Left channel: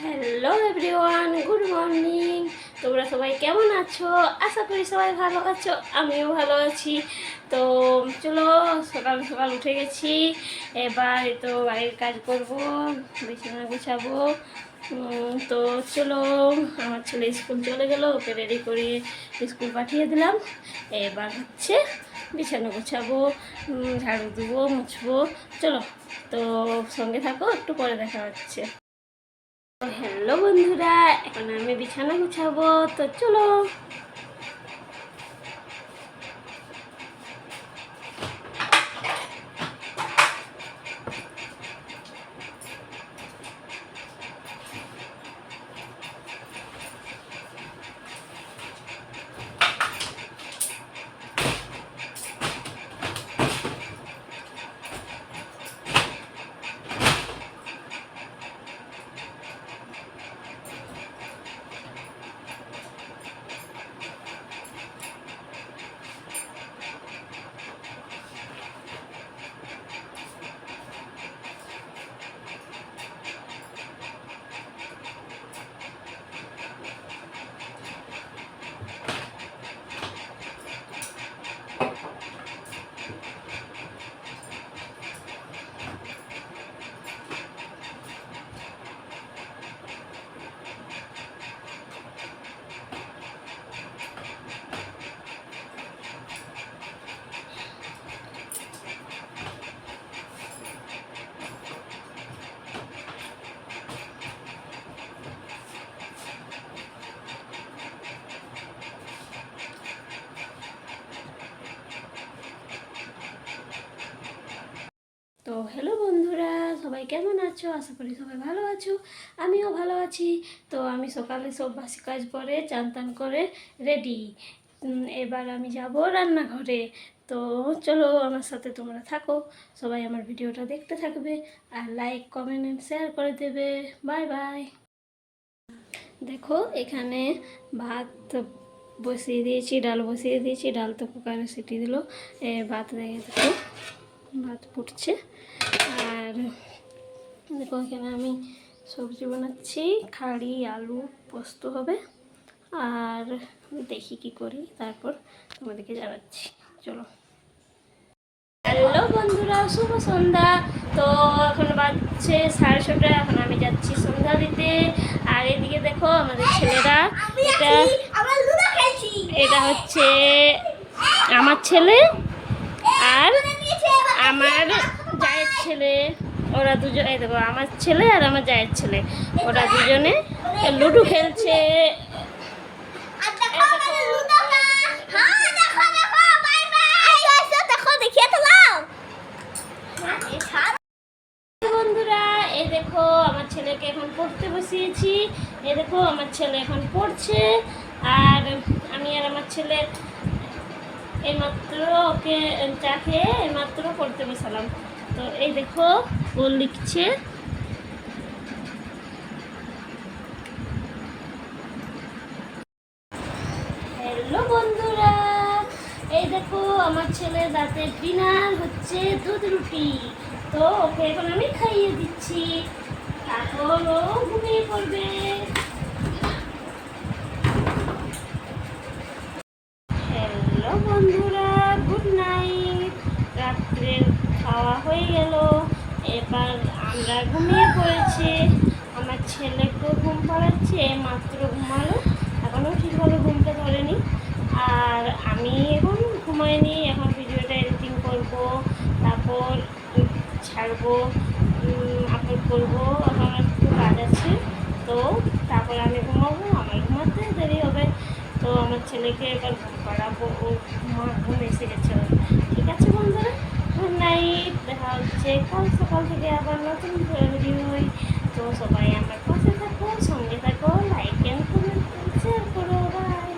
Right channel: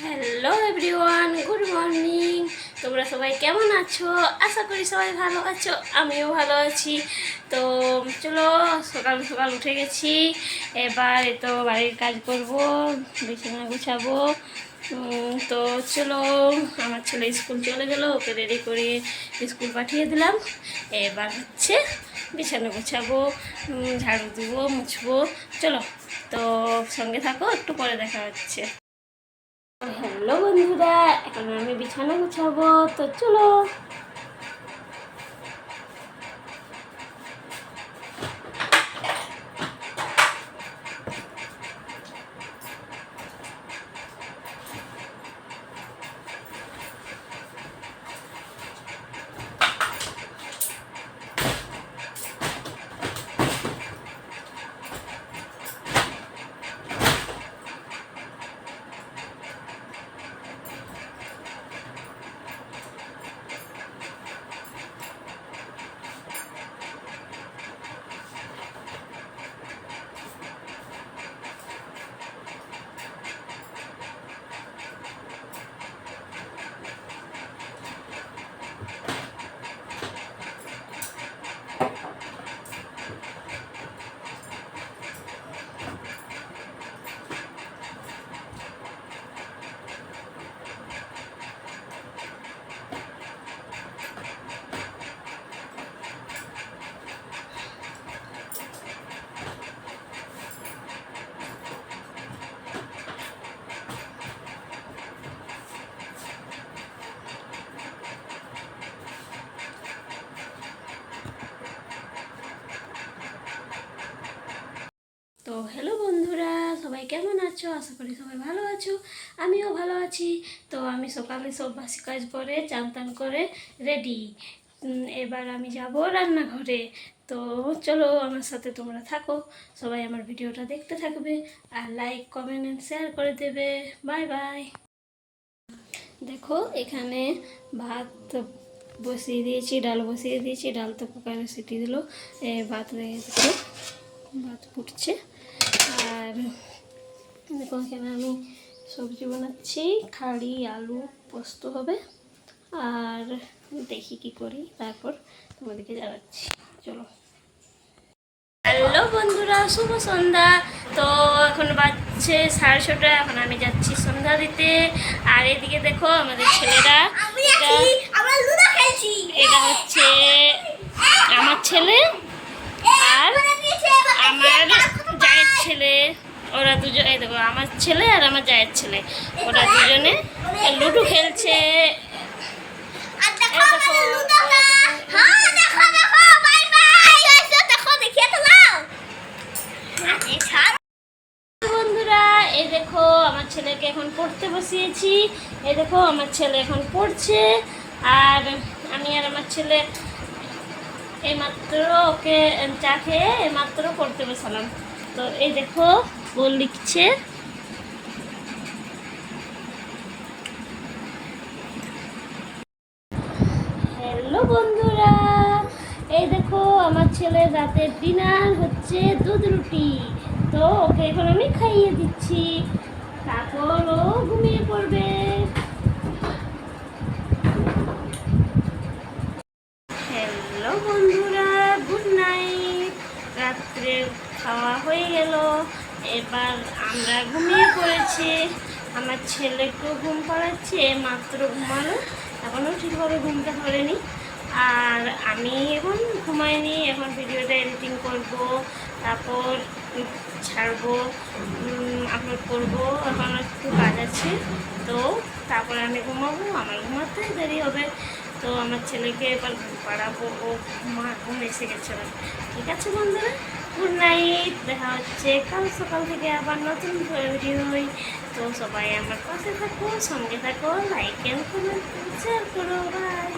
Hello everyone, good morning. তোমরা সবাই কেমন আছো? আশা করি সবাই ভালো আছো, আমিও ভালো আছি। তো চলো, সকাল সকাল উঠে গেছি। এবার তো বাড়ির কাজ করব, বিছানা গুছাবো। তো চলো, আমার ছেলে স্কুল চলে গেল, ওকে রেডি করে স্কুল পাঠিয়ে দিলাম। এবার হচ্ছে বিছানা গুছাবো, ঝাড়ু দেবো, মুছবো। চলো, তো সঙ্গে থাকো, একটু পরে দেখা হচ্ছে। হ্যালো বন্ধুরা, এখন আমি বিছানা গুছাবো, তো চলো। তো হ্যালো বন্ধুরা, সবাই কেমন আছো? আশা করি সবাই ভালো আছো, আমিও ভালো আছি। তো আমি সকালে সব বাসি কাজ করে চান টান করে রেডি। এবার আমি যাব রান্নাঘরে। তো চলো, আমার সাথে তোমরা থাকো, সবাই আমার ভিডিওটা দেখতে থাকবে, আর লাইক কমেন্ট অ্যান্ড শেয়ার করে দেবে। Bye bye. দেখো, এখানে ভাত বসিয়ে দিয়েছি, ডাল বসিয়ে দিয়েছি, ডাল তো কুকারে সিটি দিল। ভাত রেখে দেখো, ভাত ফুটছে। আর দেখো, এখানে আমি সবজি বানাচ্ছি, খাড়ি আলু পোস্ত হবে। আর দেখি কি করি, তারপর তোমাদেরকে জানাচ্ছি। চলো। হ্যালো বন্ধুরা, শুভ সন্ধ্যা। তো এখন বাজছে 6:30, এখন আমি যাচ্ছি সন্ধ্যা দিতে। আর এদিকে দেখো আমাদের ছেলেরা, এটা হচ্ছে আমার ছেলে আর আমার জায়ের ছেলে। ওরা দুজন, এই দেখো আমার ছেলে আর আমার জায়ের ছেলে, ওরা দুজনে লুডো খেলছে। বন্ধুরা, এই দেখো আমার ছেলেকে এখন পড়তে বসিয়েছি। এই দেখো আমার ছেলে এখন পড়ছে, আর আমি আর আমার ছেলে এইমাত্র ওকে চা খেয়ে এইমাত্র পড়তে বসালাম। তো এই দেখো ও লিখছে। হ্যালো বন্ধুরা, এই দেখো আমার ছেলে রাতের ডিনার হচ্ছে দুধ রুটি। তো ওকে এখন আমি খাইয়ে দিচ্ছি, তারপর ও ঘুমিয়ে পড়বে। হ্যালো বন্ধুরা, গুড নাইট। রাত্রে খাওয়া হয়ে গেল, এবার আমরা ঘুমিয়ে পড়েছি। আমার ছেলেকেও ঘুম পাড়াচ্ছে, মাত্র ঘুমালো, এখনও ঠিকভাবে ঘুমটা ধরেনি। আর আমি এখন ঘুমাইনি, এখন ভিডিওটা এডিটিং করব, তারপর ছাড়বো, আপলোড করবো। এখন একটু কাজ আছে, তো তারপরে আমি ঘুমাবো, আমার ঘুমাতে দেরি হবে। তো আমার ছেলেকে এবার ঘুম পাড়াবো, ও ঘুম এসে গেছে। ঠিক আছে বন্ধুরা, গুড নাইট। দেখা হচ্ছে কাল সকাল থেকে আবার নতুন ভিডিও হই। তো সবাই আমার পাশে থাকো, সঙ্গে থাকো, লাইক অ্যান্ড কমেন্ট শেয়ার করো। বাই।